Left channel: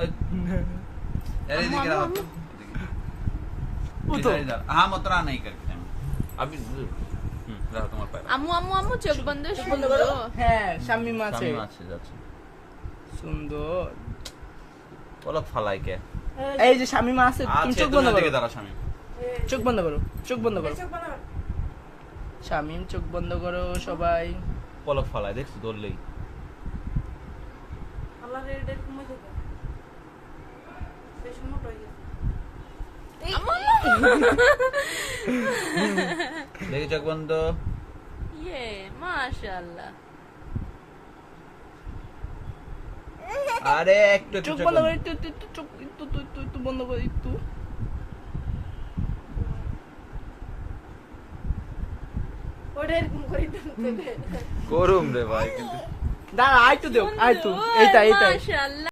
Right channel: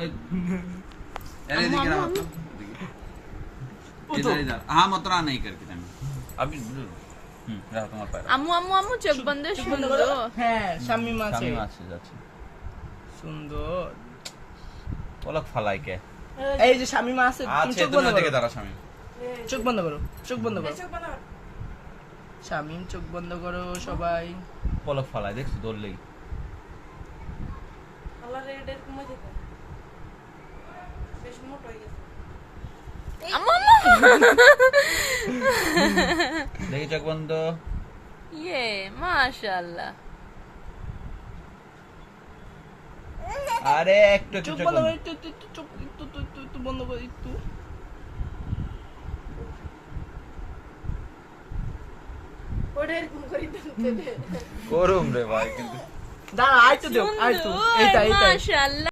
अरे दिख रहा हो तो इधर इधर हाँ मतरा नहीं करके जाना अभी रहा तुम्हारे पैर আম্মু আম্মু আম্মু চোখ বন্ধ সুন্দর হ্যাঁ শামিম আছে স্বামী মাছে যাচ্ছে সুন্দর পলক ফালাই কে এই যে শামিম আছে তুমি আচ্ছা চোখ তুমি বন্ধ দিকে করো দাঁড়া স্বামী চোখ বন্ধ করো চোখ বন্ধ করো শামিম চোখ বন্ধ করো সবাই পলক ফালাই দেখছো দৌড়লেই আল্লাহ রে এটা কমে থেকে বেশ মোটা হয়ে গেছে আম্মু আম্মু দেখি চোখ বন্ধ ইয়ে মাশাআল্লাহ আরে একটু চোখ বন্ধ করো একটু চোখ একটু বন্ধ করো একটু ওটা এরকম করে দিতে করুম রে ভাই কিন্তু দাঁড়া আইতো দেও আইতো এইটা মাশাআল্লাহ